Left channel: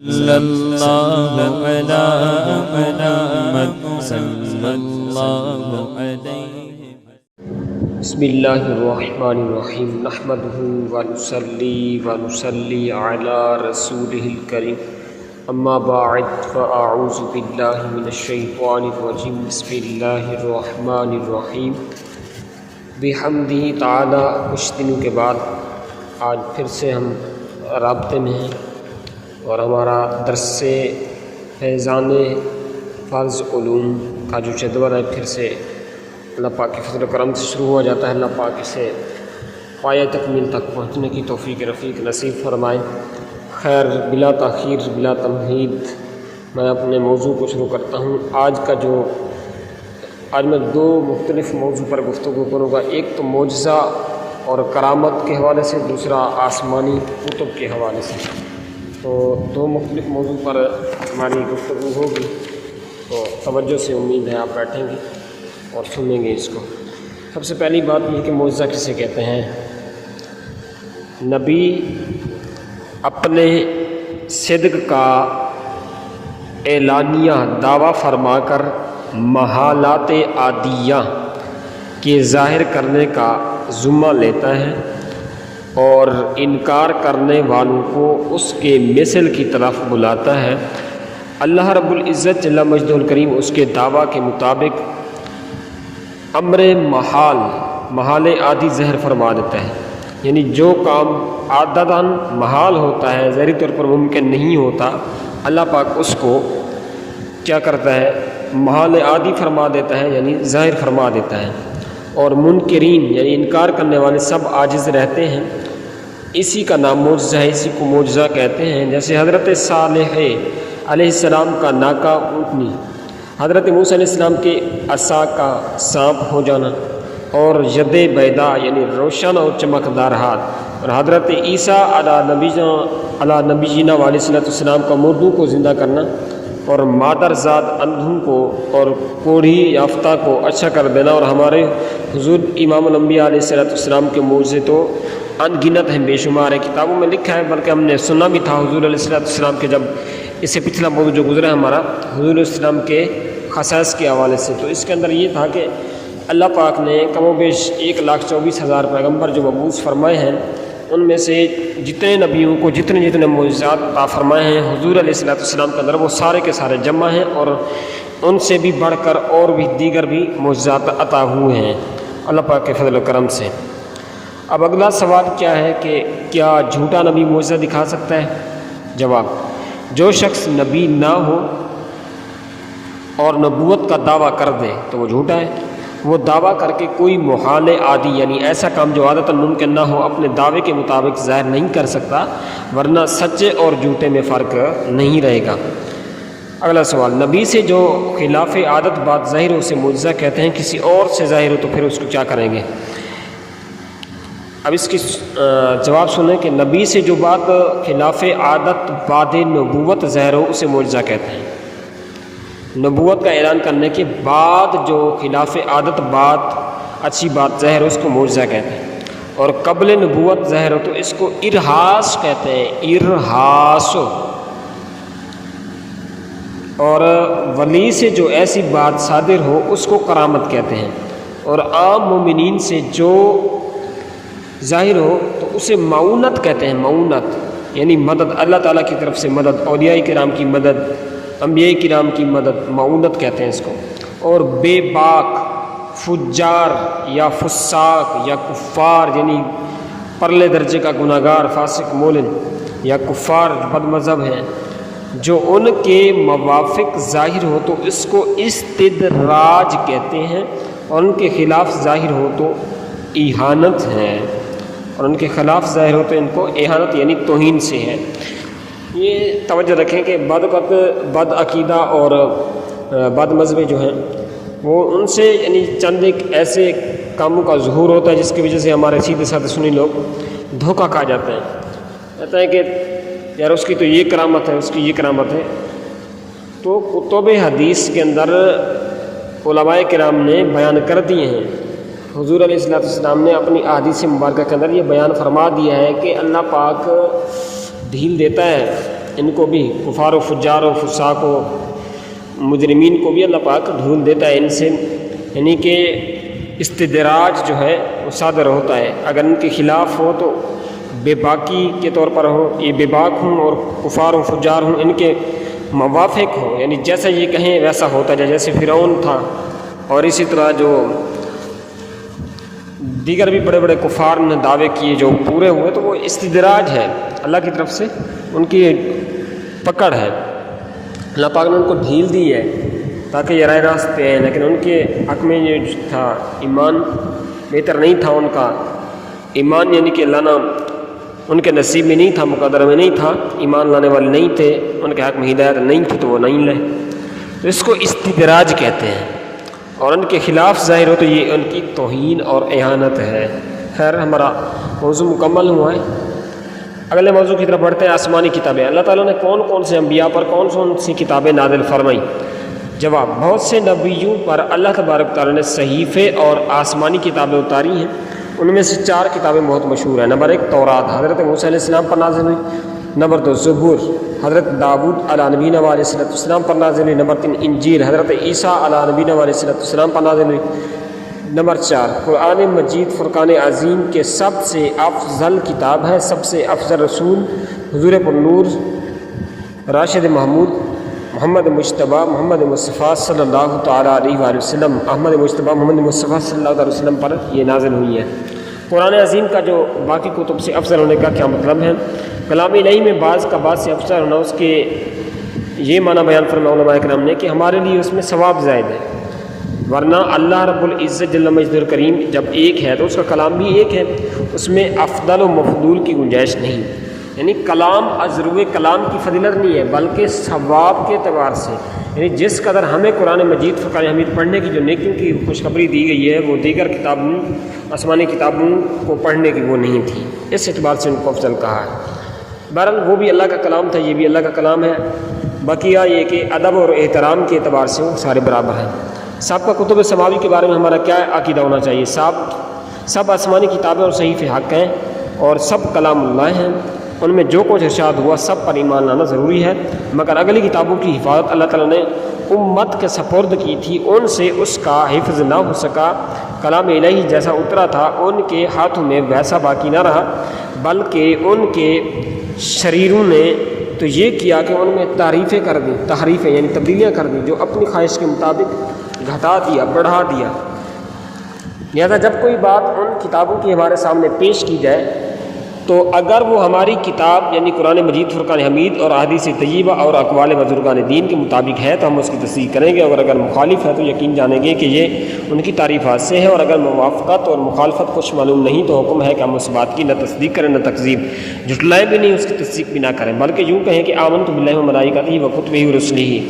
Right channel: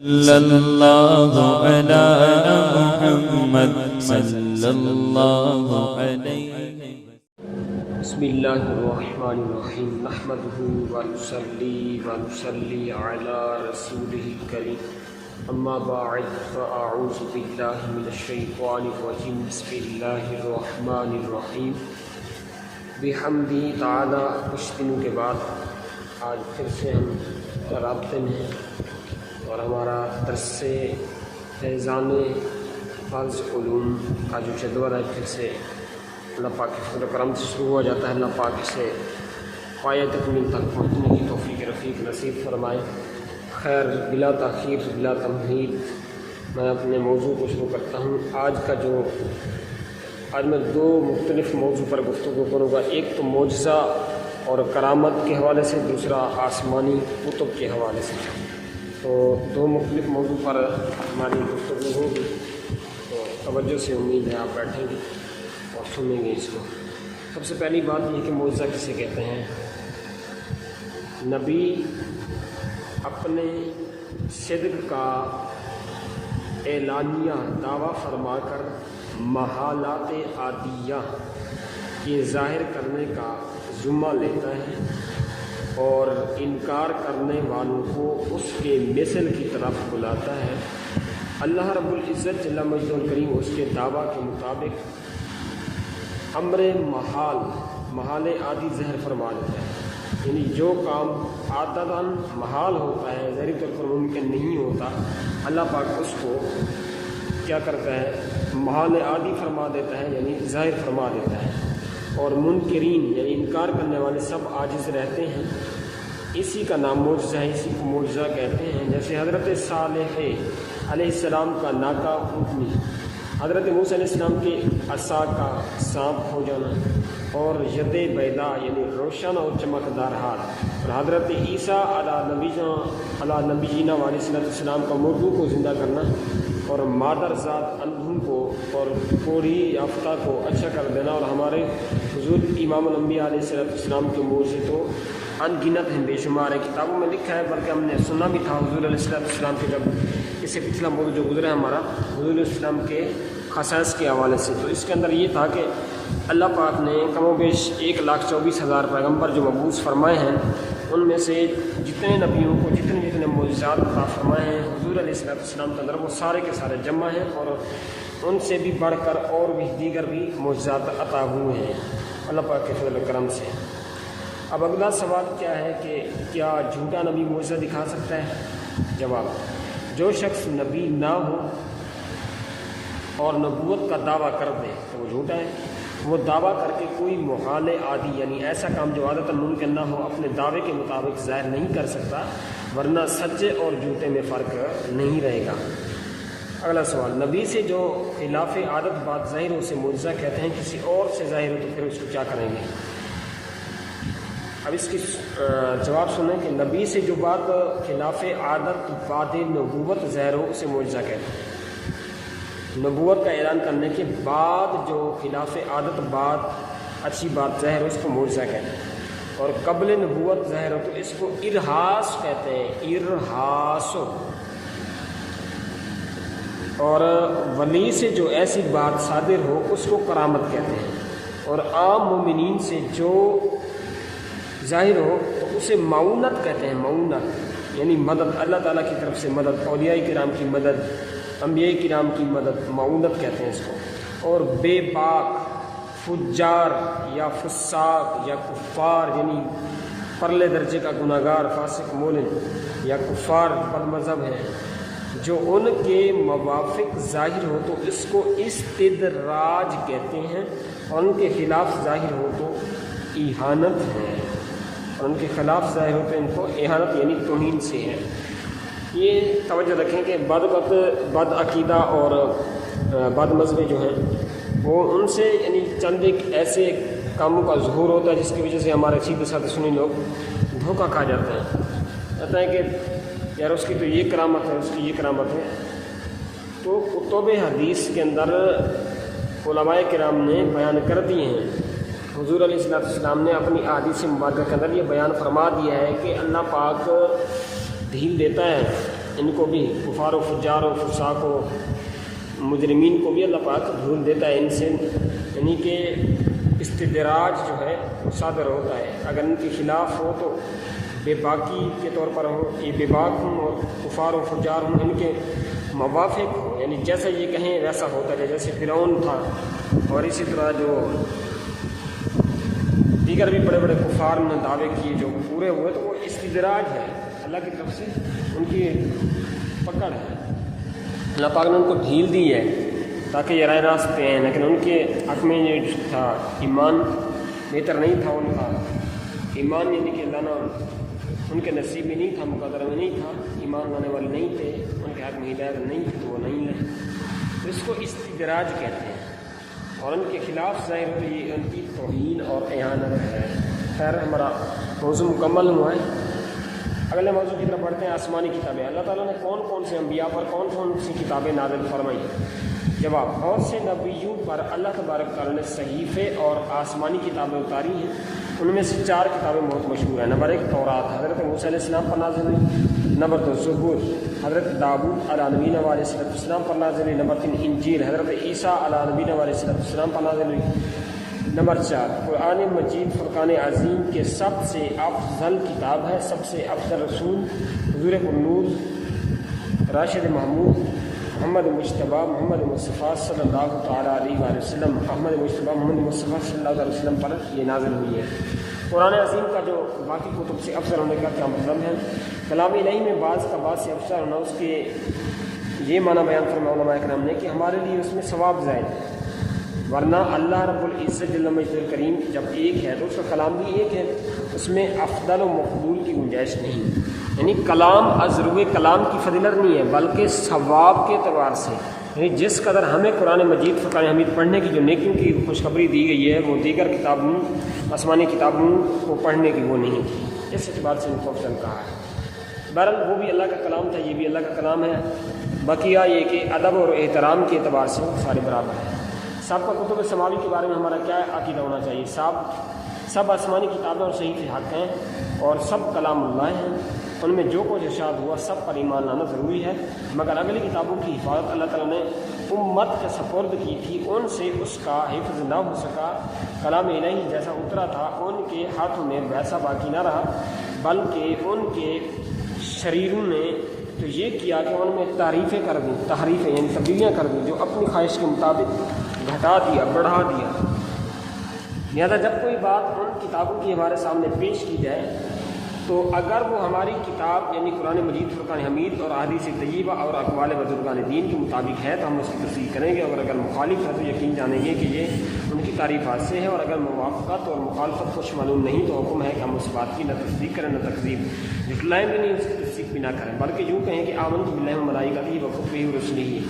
صلی اللہ علی محمد صلی اللہ علیہ بسم اللہ الرحمن الرحیم نحمدہ ونصلی علی رسولہ الکریم اما بعد فاعوذ باللہ من الشیطان الرجیم بسم اللہ الرحمن الرحیم بحمدہ تعالی کچھ دنوں کے بعد آج پھر سے ہم رابطے میں ہیں اور ہمارا درس فیضان فرض علوم کا جو جدول ہے پھر سے اللہ پاک کے فضل و کرم سے شروع ہو جاتا ہے۔ اللہ پاک اسے پایہ تکمیل تک پہنچنے کی توفیق رفیق نصیب فرمائے۔ خیر بلا تاخیر بلا تمہید میں اپنے موضوع کو شروع کرتا ہوں۔ آج میں دو مختلف موضوع پر گفتگو کروں گا، ایک تو معجزہ اور کرامت کے حوالے سے، دوسرا آسمانی کتب کے حوالے سے۔ تو دو مختلف موضوع پر ہماری گفتگو ہوگی، تو توجہ سے امید ہے آپ بیٹھیں گے اور سنیں گے اس کو۔ سب سے پہلی بات یہ کہ معجزہ کسے کہتے ہیں؟ نبی اپنے صدق کا اعلانیہ دعویٰ فرما کر محالات عادیہ کے ظاہر کرنے کا ذمہ لیتا ہے اور انکار کرنے والوں کو اس کے مثل کی طرف بلاتا ہے۔ اللہ رب العزت جل مجدہ الکریم اس کے دعویٰ کے مطابق امر محال عادی ظاہر فرما دیتا ہے، یعنی جو کام عادتاً محال ہوتا ہے، ظاہری طور پر ممکن نہیں ہوتا، اللہ پاک اس کو کیا کرتا ہے؟ محال عادی فرما دیتا ہے، یعنی ظاہر فرما دیتا ہے۔ اور منکرین یعنی انکار کرنے والے سب عاجز رہتے ہیں۔ اسی کا نام معجزہ ہے، اسی کو معجزہ کہتے ہیں۔ جیسے حضرت صالح علیہ السلام کا ناکا اونٹنی، حضرت موسیٰ علیہ السلام کے عصا کا سانپ ہو جانا، اور ید بیدا یعنی روشن اور چمکدار ہاتھ، اور حضرت عیسیٰ علی نبینا علیہ السلام کا مردوں کو زندہ کرنا، اور مادر ذات اندھوں کو اور کوڑھی یافتہ کو اچھا کر دینا، اور ہمارے حضور امام الانبیاء علیہ السلام کے معجزے تو ان گنت ہیں، بے شمار ہے، کتابوں میں لکھا ہے، بلکہ ہم نے سنا بھی تھا حضور علیہ السلام کے، جب اس سے پچھلا موضوع جو گزرا ہے ہمارا حضور علیہ السلام کے خصائص کے حوالے سے، تو اس کے اندر یہ تھا کہ اللہ پاک نے کم و بیش 1,24,000 پیغمبر جو مبعوث فرمائے ہیں، ان میں سے جتنے نبیوں کو جتنے معجزات عطا فرمائے ہیں حضور علیہ السلام کے اندر، وہ سارے کے سارے جمع ہیں، اور ان سے بھی بڑھ کر اور بھی دیگر بھی معجزات عطا ہوئے ہیں اللہ پاک کے فضل و کرم سے۔ اب اگلا سوال کیا ہے کہ کیا جھوٹا نبی معجزہ دکھا سکتا ہے؟ جواب: جو شخص نبی نہ ہو اور نبوت کا دعویٰ کر دے تو وہ جھوٹا ہے۔ وہ دعویٰ کر کے کوئی محال عادی یعنی ایسا کام جو عادتاً ممکن نہ ہو اپنے دعوے کے مطابق ظاہر نہیں کر سکتا، ورنہ سچے اور جھوٹے میں فرق نہیں رہے گا۔ اگلا سوال: نبی سے جو خلاف عادت بات ظاہر ہو اسے معجزہ کہتے ہیں، کسی اور سے ظاہر ہو تو پھر اس کو کیا کریں گے؟ اب اس کی جواب سنیں کہ نبی سے جو بات خلاف عادت بعد نبوت ظاہر ہو اسے معجزہ کہتے ہیں۔ نبوت کا اعلان کرنے کے بعد جو خلاف عادت بات اچھی بات ظاہر ہو اس کو معجزہ کہتے ہیں، اور قبل نبوت ظاہر ہو تو اس کو ارہاس کہتے ہیں، ارہاس۔ اور ولی سے جو ایسی بات صادر ہو اس کو کرامت کہتے ہیں، اور عام مومنین سے جو ظاہر ہو تو اسے معونت کہتے ہیں، معونت یعنی مدد، اللہ تعالیٰ کی طرف سے مدد، اولیاء کرام کی مدد، انبیاء کرام کی مدد، معونت کہتے ہیں اس کو۔ اور بے باک، فجار یا فساق یا کفار یعنی پرلے درجے کا گناہ گار، فاسق، مولن یا کفار بد مذہب ہیں، جو ان کے موافق ظاہر ہو تو اس کو استدراج کہتے ہیں، اور ان کے خلاف ظاہر ہو تو اہانت ہے، اور ان کے خلاف ظاہر ہو تو ان کو اہانت یعنی توہین سے ہے۔ یہ توجہ رکھیں کہ بد عقیدہ اور بد مذہبی جو ہیں وہ ان سے یعنی چند ایک ایسے کاموں کا ظہور ہوتا ہے جس کی وجہ سے ہمارے سیدھے سادھے سنی لوگ دھوکہ کھا جاتے ہیں، کہتے ہیں کہ یار اس کی تو یہ کرامت ہے، اس کی یہ کرامت ہے۔ تو کتب حدیث کے اندر علماء کرام نے بیان کر دیے ہیں، حضور علیہ السلام نے اپنی احادیث مبارکہ کے اندر یہ بیان فرما دیا ہے کہ اللہ پاک ڈھیل دیتا ہے ان کو بھی کفار و فجار و فساق و مجرمین کو بھی اللہ پاک دھول دیتا ہے ان سے، یعنی کہ استدراج جو ہے وہ صادر ہوتا ہے، اگر ان کے خلاف ہو تو بے باکی کے طور پر ہو، یہ بے باک ہوں اور کفار و فجار ہوں، ان کے موافق ہو، یعنی جیسا یہ کہیں ویسا ہوتا جائے، جیسے فرعون تھا اور اسی طرح جو دیگر بھی بڑے بڑے کفار نے دعوے کیے جو پورے ہوئے، تو وہ استدراج ہے، اللہ کی طرف سے ان کی پکڑ ہے، اللہ پاک نے ان کو ڈھیل دی ہے تاکہ یہ راہ راست پہ آئیں، لیکن ان کے حق میں یہ تھا ایمان بہتر نہیں تھا ان کا ایمان، یعنی کہ لانا ان کے نصیب میں نہیں تھا، مقدر میں نہیں تھا، ایمان لانے والے نہیں تھے، ان کے حق میں ہدایت نہیں تھی تو وہ نہیں لے، تو اس کو استدراج کہتے ہیں، اور ان کے خلاف ظاہر ہو تو یہ ان کی توہین اور اہانت ہے۔ خیر ہمارا موضوع مکمل ہوا ہے، اگلے موضوع کی طرف بڑھتے ہیں، آسمانی کتابیں۔ اللہ تعالیٰ نے کون کون سے انبیاء پر کون کون سی کتابیں نازل فرمائیں؟ جواب، بہت سے نبیوں پر اللہ تبارک تعالیٰ نے صحیفے اور آسمانی کتابیں اتاری ہیں، ان میں سے 4 کتابیں بہت مشہور ہیں۔ نمبر 1 تورات، حضرت موسیٰ علیہ السلام پر نازل ہوئی۔ نمبر 2 زبور، حضرت داؤد علیہ نبینا علیہ السلام پر نازل ہوئی۔ نمبر 3 انجیل، حضرت عیسیٰ علیہ نبینا علیہ السلام پر نازل ہوئی۔ نمبر 4 قرآن مجید فرقان عظیم کے سب سے افضل کتاب ہے، سب سے افضل رسول حضور پر نور راشد محمود محمد مجتبیٰ محمد مصطفیٰ صلی اللہ تعالیٰ علیہ وآلہ وسلم، احمد مجتبیٰ محمد مصطفیٰ صلی اللہ علیہ وسلم پر یہ نازل ہوئی ہے۔ قرآن عظیم کا جو باقی کتب سے افضل ہونے کا کیا مطلب ہے؟ کلام الہی میں بعض کا بعض سے افضل ہونا، اس کے یہ معنی بیان فرمایا علماء کرام نے کہ ہمارے لیے اس میں ثواب زائد ہے، ورنہ اللہ رب العزت جل مجدہ الکریم جب ایک ہے تو اس کا کلام بھی ایک ہے، اس میں افضل و مفضول کی گنجائش نہیں، یعنی کلام ازرو کلام کی فضیلت نہیں ہے بلکہ ثواب کے اعتبار سے، یعنی جس قدر ہمیں قرآن مجید فرقان حمید پڑھنے کی جو نیکیوں کی خوشخبری دی گئی ہے وہ دیگر کتابوں آسمانی کتابوں کو پڑھنے کی وہ نہیں تھی، اس اعتبار سے ان کو افضل کہا ہے۔ بہرحال وہ بھی اللہ کا کلام تھا، یہ بھی اللہ کا کلام ہے، بقیہ یہ کہ ادب اور احترام کے اعتبار سے وہ سارے برابر ہیں۔ سب کا کتب سماوی کے بارے میں ہمارا کیا عقیدہ ہونا چاہیے؟ سب آسمانی کتابیں اور صحیفے حق ہیں اور سب کلام اللہ ہیں، ان میں جو کچھ ارشاد ہوا سب پر ایمان لانا ضروری ہے، مگر اگلی کتابوں کی حفاظت اللہ تعالیٰ نے امت کے سپرد کی تھی، ان سے اس کا حفظ نہ ہو سکا، کلام الہی جیسا اترا تھا ان کے ہاتھوں میں ویسا باقی نہ رہا، بلکہ ان کے شریروں نے تو یہ کیا کہ ان میں تحریفیں کر دیں، تحریفیں یعنی تبدیلیاں کر دیں، جو اپنی خواہش کے مطابق گھٹا دیا، بڑھا دیا۔ لہذا جب کوئی بات ان کتابوں کی ہمارے سامنے پیش کی جائے تو اگر وہ ہماری کتاب یعنی قرآن مجید فرقان حمید اور احادیث طیبہ اور اقوال بزرگان دین کے مطابق ہے تو ہم اس کی تصدیق کریں گے، اور اگر مخالف ہے تو یقین جانیں گے کہ یہ ان کی تعریفات سے ہے، اور اگر موافقت اور مخالفت کچھ معلوم نہیں تو حکم ہے کہ ہم اس بات کی نہ تصدیق کریں نہ تکذیب، جھٹلائیں بھی نہیں، اس کی تصدیق بھی نہ کریں، بلکہ یوں کہیں کہ آمنت باللہ و ملائکتہ و کتبہ و رسلہ،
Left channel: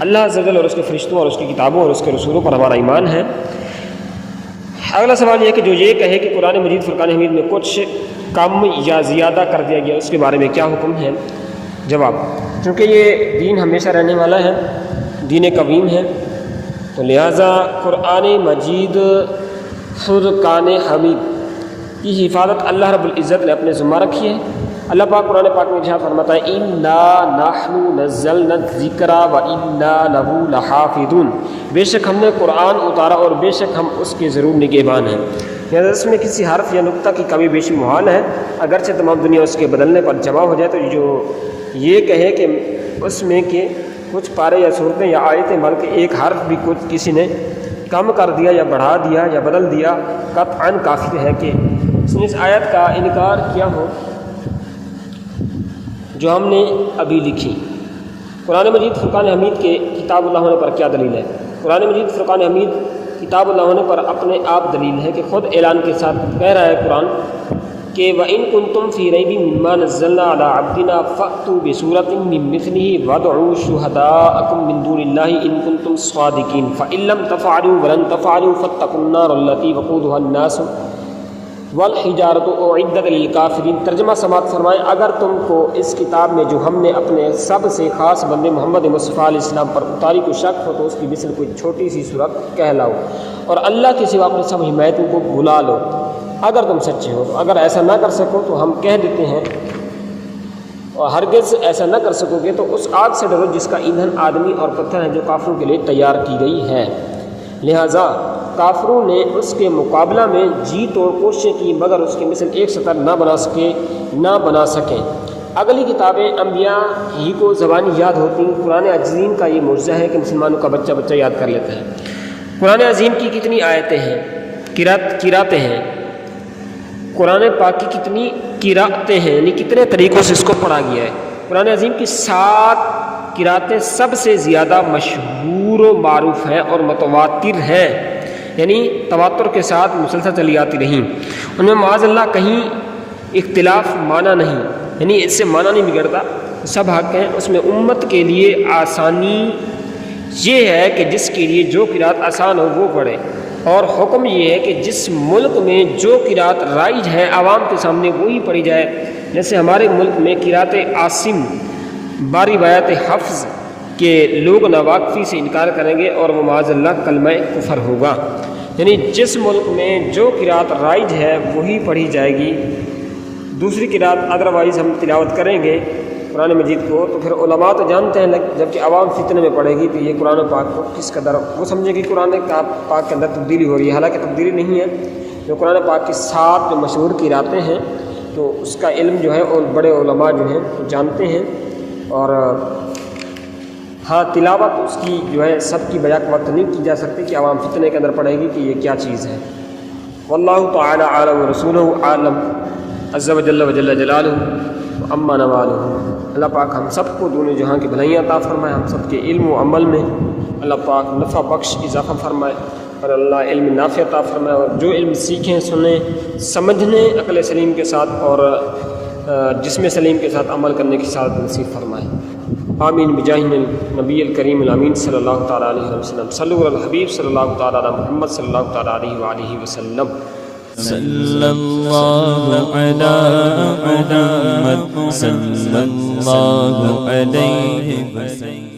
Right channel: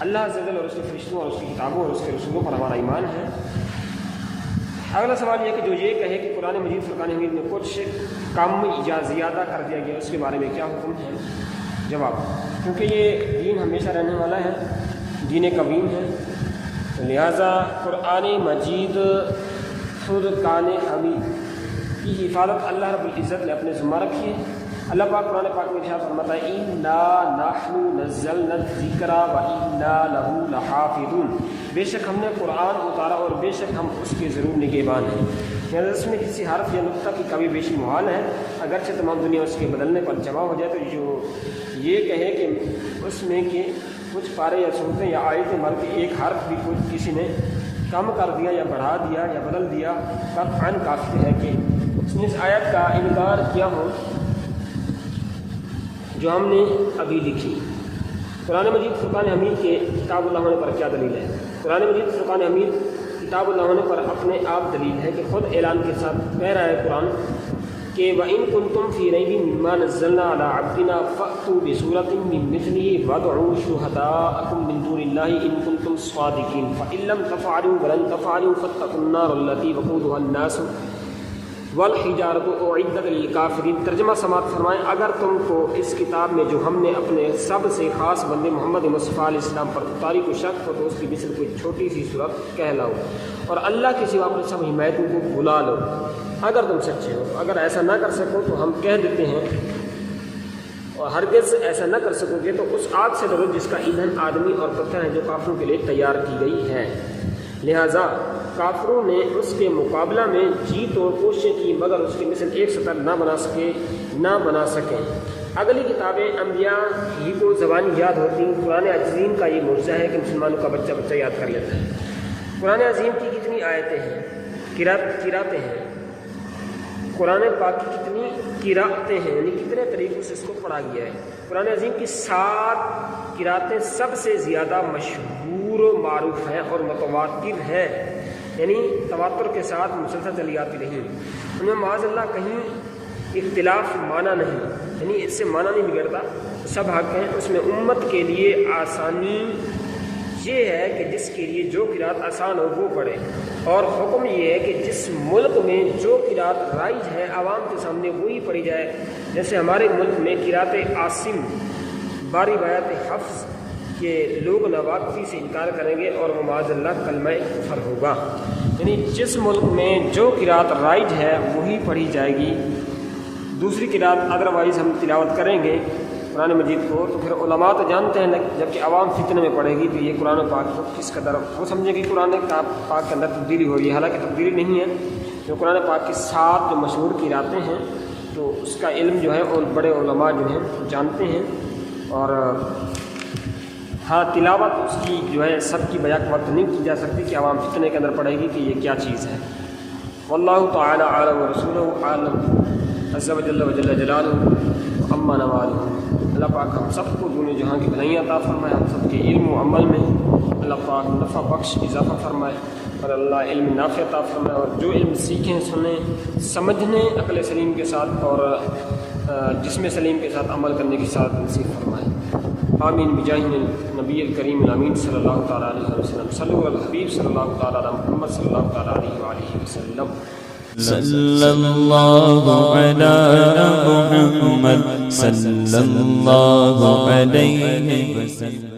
اللہ عز و جل اور اس کے فرشتوں اور اس کی کتابوں اور اس کے رسولوں پر ہمارا ایمان ہے۔ اگلا سوال یہ ہے کہ جو یہ کہے کہ قرآن مجید فرقان حمید میں کچھ کم یا زیادہ کر دیا گیا، اس کے بارے میں کیا حکم ہے؟ جواب، چونکہ یہ دین ہمیشہ رہنے والا ہے، دین قویم ہے، تو لہٰذا قرآن مجید فرقان حمید کی حفاظت اللہ رب العزت نے اپنے ذمہ رکھی ہے۔ اللہ پاک قرآن پاک میں جہاں فرماتا ہے اِنَّا نَحْنُ نَزَّلْنَا الذِّكْرَ وَإِنَّا لَهُ لَحَافِظُونَ، بے شک ہم نے قرآن اتارا اور بے شک ہم اس کے ضرور نگہبان ہیں۔ یعنی اس میں کسی حرف یا نقطہ کی کمی بیشی محال ہے، اگرچہ تمام دنیا اس کے بدلنے پر جمع ہو جائے، تو جو یہ کہے کہ اس میں کہ کچھ پارے یا صورتیں یا آیتیں بلکہ ایک حرف بھی کچھ کسی نے کم کر دیا یا بڑھا دیا یا بدل دیا، قطعاً کافر ہے کہ اس نے اس آیت کا انکار کیا ہو جو ہم نے ابھی لکھی۔ قرآن مجید فرقان حمید کے کتاب اللہ ہونے پر کیا دلیل ہے؟ قرآن مجید فرقان حمید کتاب اللہ ہونے پر اپنے آپ دلیل ہے کہ خود اعلان کے ساتھ کہہ رہا ہے قرآن کہ وَإِن كُنتُمْ فِي رَيْبٍ مِّمَّا نَزَّلْنَا عَلَىٰ عَبْدِنَا فَأْتُوا بِسُورَةٍ مِّن مِّثْلِهِ وَادْعُوا شُهَدَاءَكُم مِّن دُونِ اللَّهِ إِن كُنتُمْ صَادِقِينَ فَإِن لَّمْ تَفْعَلُوا وَلَن تَفْعَلُوا فَاتَّقُوا النَّارَ الَّتِي وَقُودُهَا النَّاسُ والحجارۃ اعدت للکافرین۔ ترجمہ سماعت فرمائیں، اگر تم کو اس کتاب میں جو ہم نے اپنے سب سے خاص بندے محمد مصطفیٰ علیہ السلام پر اتاری کو شک ہو تو اس کی مثل کوئی چھوٹی سی صورت کہلاؤ اور اللہ کے سوا اپنے سب حمایتوں کو بھلا لو اگر تم سچے ہو۔ اگر ایسا نہ کر سکو تو ہم کہہ دیتے ہیں اور ہرگز ایسا نہ کر سکو گے تو اس آگ سے ڈرو جس کا ایندھن آدمی اور پتھر ہیں جو کافروں کے لیے تیار کی گئی ہے۔ لہٰذا کافروں نے اس کے مقابلہ میں جی توڑ کوششیں کی مگر اس کی مثل ایک سطر نہ بنا سکیں۔ اگلی کتابیں انبیاء ہی کو زبانی یاد ہوتی، قرآن عظیم کا یہ معجزہ ہے کہ مسلمانوں کا بچہ یاد کر لیتا ہے۔ قرآن عظیم کی کتنی آیتیں ہیں، قراتیں ہیں، قرآن پاک کی کتنی قراتیں ہیں، یعنی کتنے طریقوں سے اس کو پڑھا گیا ہے۔ قرآن عظیم کی 7 قراتیں سب سے زیادہ مشہور و معروف ہیں اور متواتر ہیں، یعنی تواتر کے ساتھ مسلسل چلی آتی رہیں۔ ان میں معاذ اللہ کہیں اختلاف معنی نہیں، یعنی اس سے معنی نہیں بگڑتا، سب حق ہیں۔ اس میں امت کے لیے آسانی یہ ہے کہ جس کے لیے جو قرات آسان ہو وہ پڑھے، اور حکم یہ ہے کہ جس ملک میں جو قرات رائج ہے عوام کے سامنے وہی پڑھی جائے۔ جیسے ہمارے ملک میں قرات عاصم باری روایت حفظ کے لوگ ناواقفی سے انکار کریں گے اور وہ معاذ اللہ کلمہ کفر ہوگا، یعنی جس ملک میں جو قرات رائج ہے وہی پڑھی جائے گی، دوسری قرات ادروائز ہم تلاوت کریں گے قرآن مجید کو تو پھر علماء تو جانتے ہیں، جبکہ عوام فتنے میں پڑھے گی تو یہ قرآن پاک کو کس قدر وہ سمجھے کہ قرآن پاک کے اندر تبدیلی ہو رہی ہے، حالانکہ تبدیلی نہیں ہے۔ جو قرآن پاک کی 7 جو مشہور قراتیں ہیں تو اس کا علم جو ہے اور بڑے علماء جو ہیں جانتے ہیں، اور ہاں تلاوت اس کی جو ہے سب کی بیک وقت نہیں کی جا سکتی کہ عوام فتنے کے اندر پڑھے گی کہ یہ کیا چیز ہے۔ واللہ تعالی عالم ورسولہ عالم عز وجل وجل جلالہ اما نوالہ۔ اللہ پاک ہم سب کو دونوں جہاں کی بھلائیاں عطا فرمائے، ہم سب کے علم و عمل میں اللہ پاک نفع بخش اضافہ فرمائے، اور اللہ علم نافع عطا فرمائے، اور جو علم سیکھیں سنیں سمجھنے عقل سلیم کے ساتھ اور جسم سلیم کے ساتھ عمل کرنے کی سعادت نصیب فرمائے۔ آمین بجاہ نبی الکریم الامین صلی اللہ تعالیٰ علیہ وسلم۔ صلو علی الحبیب صلی اللہ تعالیٰ علی محمد صلی اللہ تعالیٰ علیہ وآلہ وسلم۔ صلی اللہ علی محمد صلی اللہ علیہ وسلم۔